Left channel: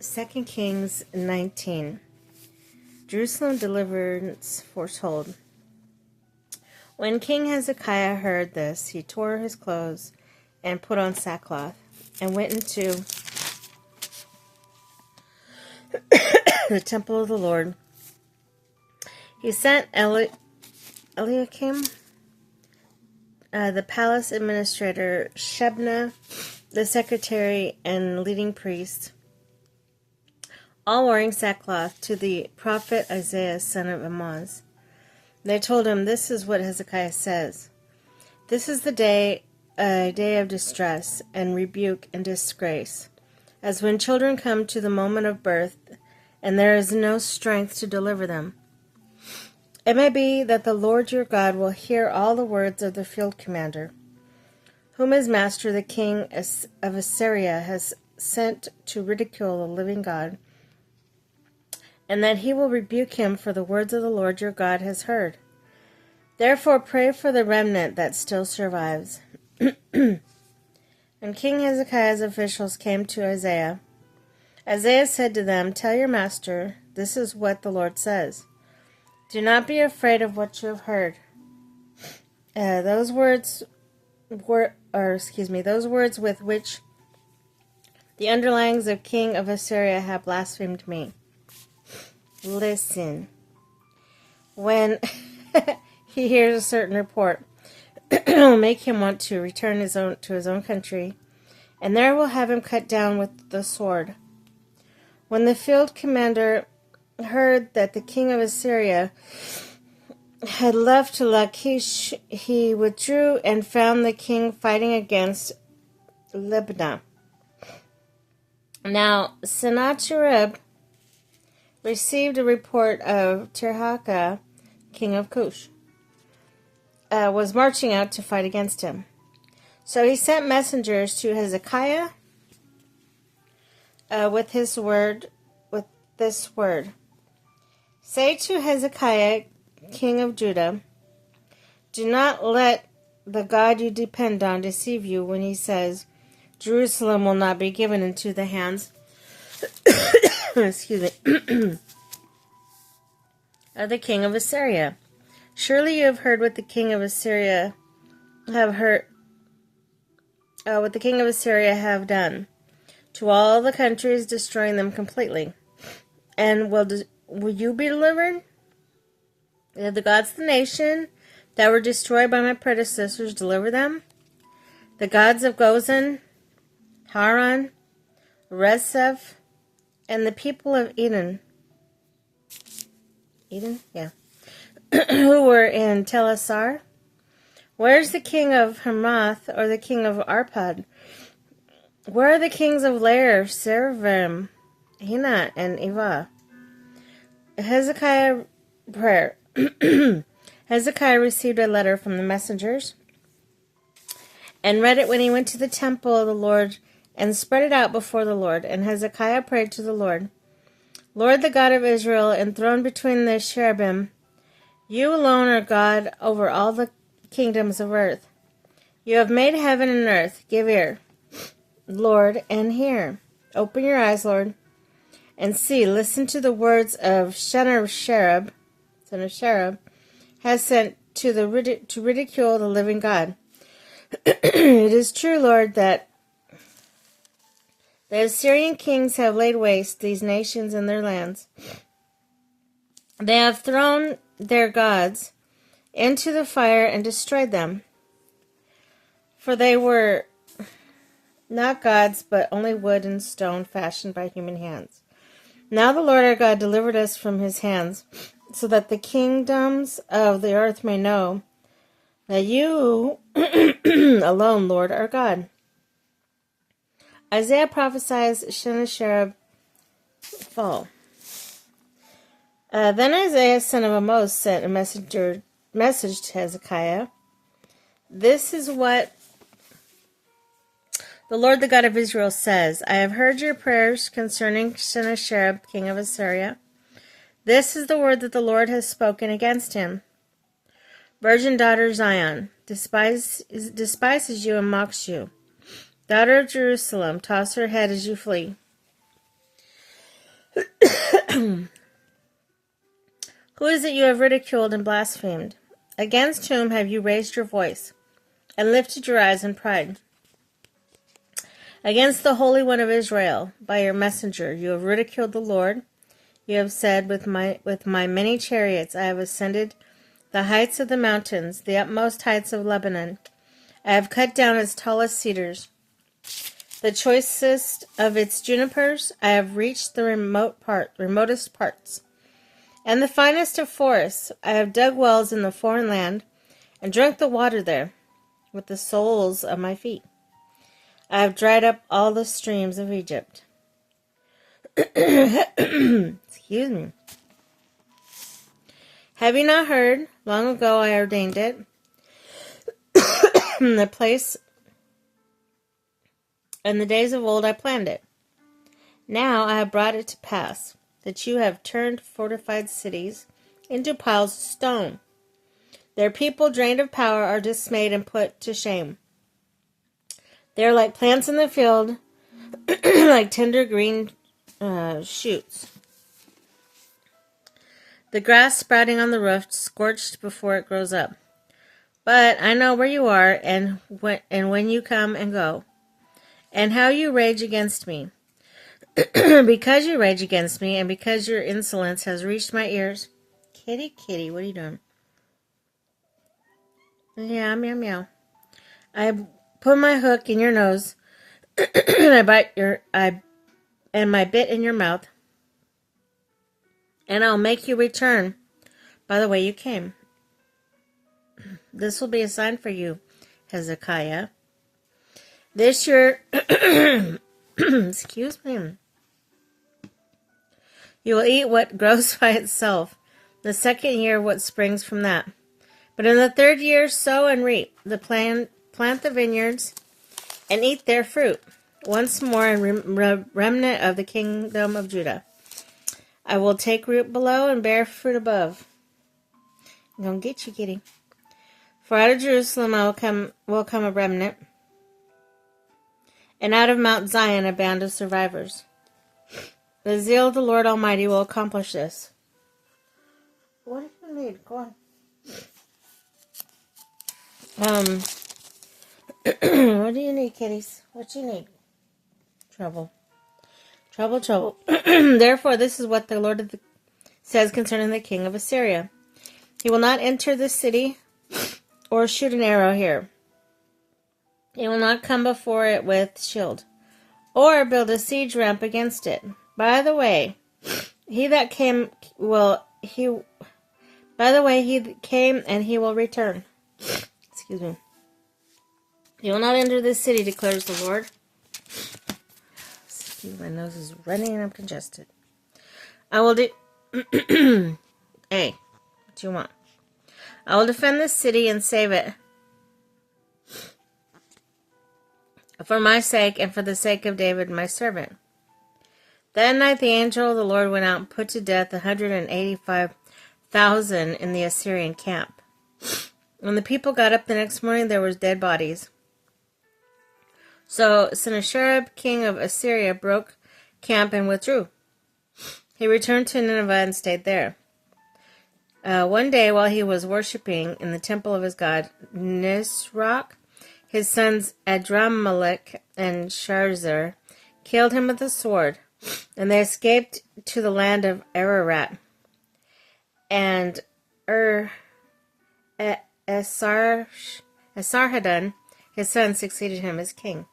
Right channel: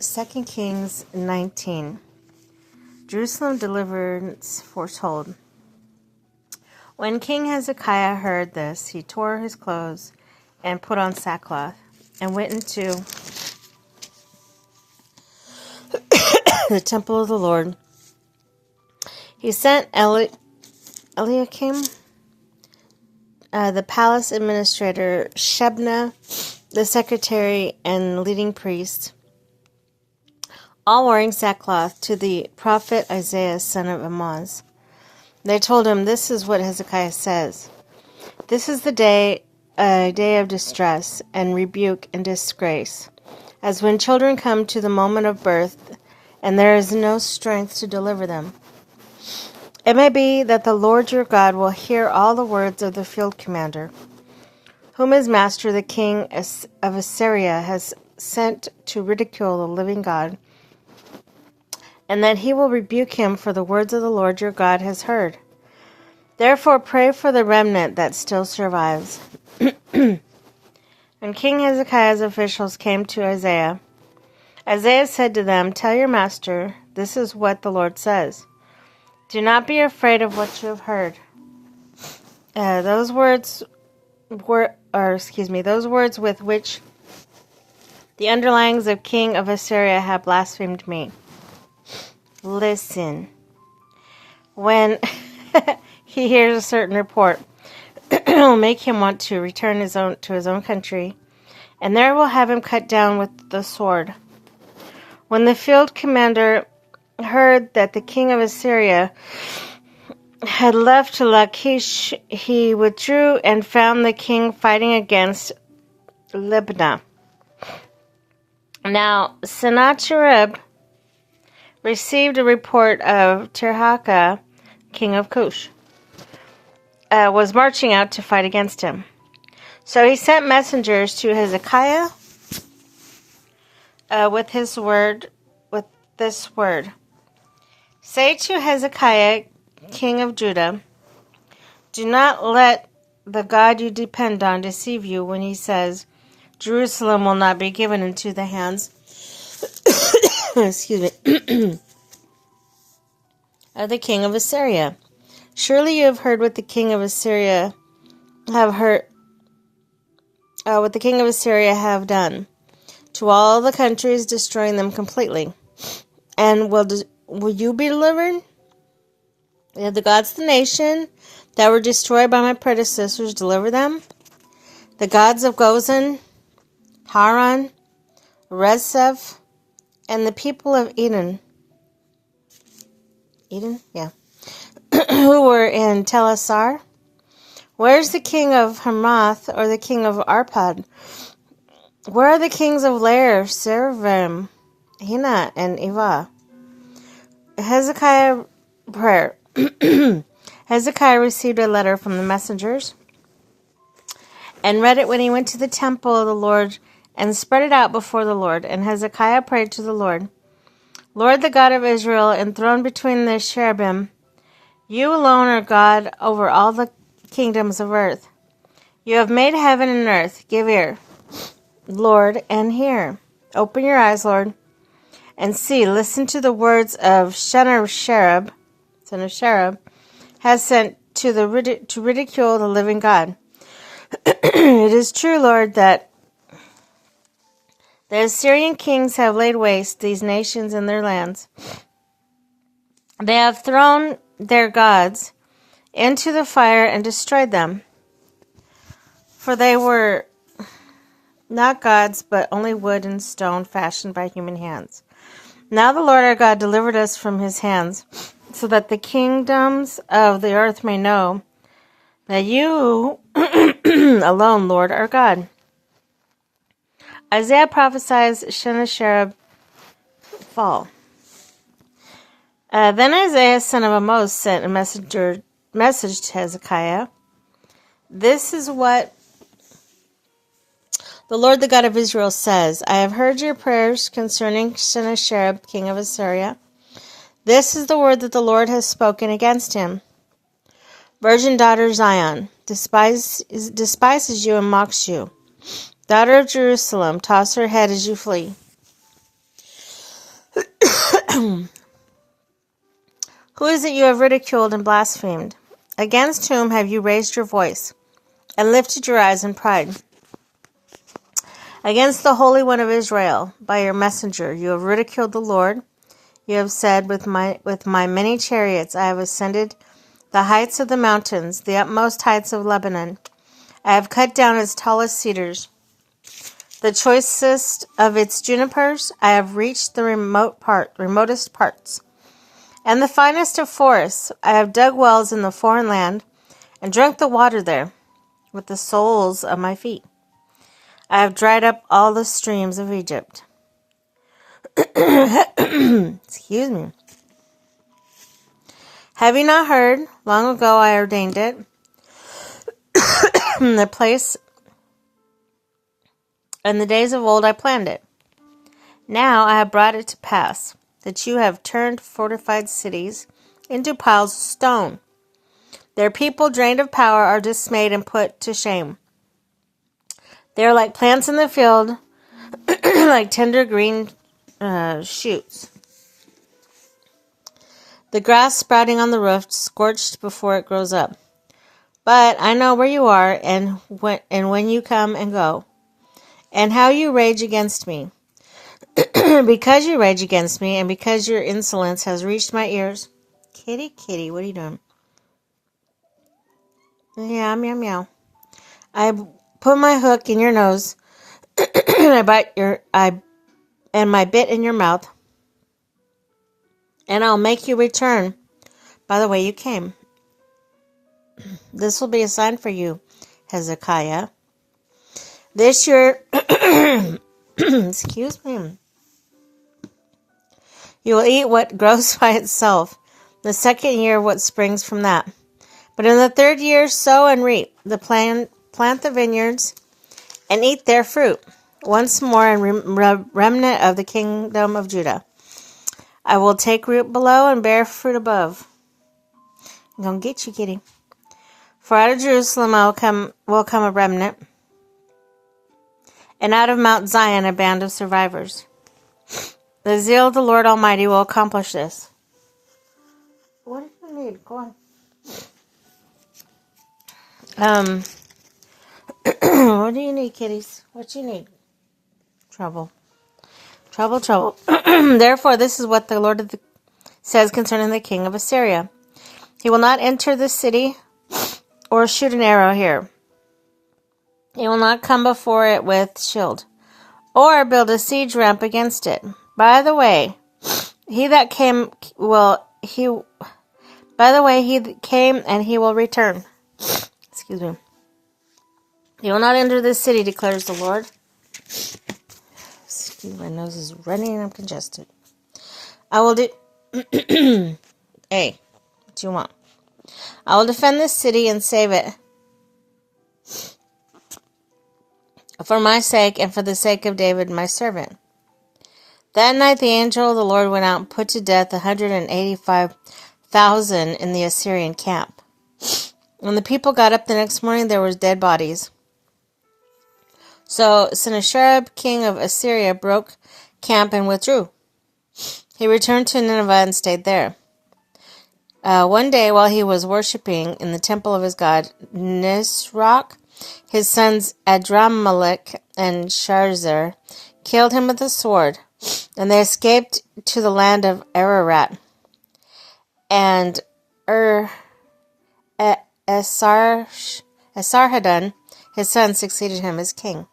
2 Kings 19. Jerusalem deliverance foretold. When King Hezekiah heard this, he tore his clothes and put on sackcloth and went into the temple of the Lord. He sent Eliakim, the palace administrator, Shebna, the secretary and leading priest, all wearing sackcloth, to the prophet Isaiah, son of Amoz. They told him, "This is what Hezekiah says. This is a day of distress and rebuke and disgrace, as when children come to the moment of birth, and there is no strength to deliver them. It may be that the Lord your God will hear all the words of the field commander, whom his master, the king of Assyria, has sent to ridicule the living God, and that he will rebuke him for the words of the Lord your God has heard. Therefore pray for the remnant that still survives." When King Hezekiah's officials came to Isaiah, Isaiah said to them, "Tell your master, this is what the Lord says. Do not be afraid of what you have heard." Those words with which the underlings of king of Assyria have blasphemed me. Listen. When he hears a certain report, it will make him want to return to his own country, and there will have him cut down with the sword. When the field commander heard that the king of Assyria had left to Lachish, he withdrew and found the king fighting against Libnah. Now Sennacherib received a report of Tirhakah, king of Cush, was marching out to fight against him. So he sent messengers to Hezekiah with this word: "Say to Hezekiah, king of Judah, do not let the God you depend on deceive you when he says, Jerusalem will not be given into the hands excuse me, of the king of Assyria. Surely you have heard what the king of Assyria have done to all the countries, destroying them completely. And will you be delivered? Did the gods of the nation that were destroyed by my predecessors deliver them? The gods of Gozan, Haran, Rezeph, and the people of Eden, who were in Telassar? Where is the king of Hamath or the king of Arpad? Where are the kings of Lair, Servim, Hina, and Eva?" Hezekiah prayer. Hezekiah received a letter from the messengers and read it when he went to the temple of the Lord and spread it out before the Lord. And Hezekiah prayed to the Lord, "Lord, the God of Israel, enthroned between the cherubim, you alone are God over all the kingdoms of earth. You have made heaven and earth. Give ear, Lord, and hear. Open your eyes, Lord, and see. Listen to the words of Sennacherib, son of Sherib, has sent to ridicule the living God. It is true, Lord, that the Assyrian kings have laid waste these nations and their lands. They have thrown their gods into the fire and destroyed them. For they were not gods, but only wood and stone fashioned by human hands. Now the Lord our God delivered us from his hands, so that the kingdoms of the earth may know that you alone, Lord, are God." Isaiah prophesies Sennacherib's fall. Then Isaiah, son of Amoz, sent a message to Hezekiah. "This is what the Lord, the God of Israel, says. I have heard your prayers concerning Sennacherib, king of Assyria. This is the word that the Lord has spoken against him. Virgin daughter Zion despises you and mocks you. Daughter of Jerusalem, toss her head as you flee. Who is it you have ridiculed and blasphemed? Against whom have you raised your voice and lifted your eyes in pride? Against the Holy One of Israel, by your messenger, you have ridiculed the Lord. You have said, with my many chariots I have ascended the heights of the mountains, the utmost heights of Lebanon. I have cut down its tallest cedars. The choicest of its junipers, I have reached the remotest parts. And the finest of forests, I have dug wells in the foreign land, and drunk the water there with the soles of my feet. I have dried up all the streams of Egypt. Excuse me. Have you not heard? Long ago I ordained it. The place in the days of old I planned it. Now I have brought it to pass that you have turned fortified cities into piles of stone. Their people, drained of power, are dismayed and put to shame. They are like plants in the field, like tender green shoots. The grass sprouting on the roof, scorched before it grows up. But I know where you are, and when you come and go, and how you rage against me. Because you rage against me, and because your insolence has reached my ears. Kitty, what are you doing? Yeah, meow, meow. I put my hook in your nose, and my bit in your mouth, and I'll make you return by the way you came. This will be a sign for you, Hezekiah. This year, excuse me, you will eat what grows by itself, the second year what springs from that. But in the third year, sow and reap, plant the vineyards, and eat their fruit. Once more, in remnant of the kingdom of Judah. I will take root below and bear fruit above. I'm going to get you, kitty. For out of Jerusalem will come a remnant, and out of Mount Zion a band of survivors. The zeal of the Lord Almighty will accomplish this. What do you need? Go on. What do you need, kitties? What you need? Trouble. Therefore, this is what the Lord says concerning the king of Assyria. He will not enter the city or shoot an arrow here. He will not come before it with shield, or build a siege ramp against it. By the way, he came and he will return. Excuse me. He will not enter this city, declares the Lord. Excuse me, my nose is running and I'm congested. I will Hey, what do you want? I will defend this city and save it. For my sake and for the sake of David, my servant. That night the angel of the Lord went out and put to death 185,000 in the Assyrian camp. When the people got up the next morning, there were dead bodies. So Sennacherib, king of Assyria, broke camp and withdrew. He returned to Nineveh and stayed there. One day, while he was worshipping in the temple of his god Nisroch, his sons Adramelech and Sharezer killed him with a sword, and they escaped to the land of Ararat. And Esarhaddon, his son, succeeded him as king.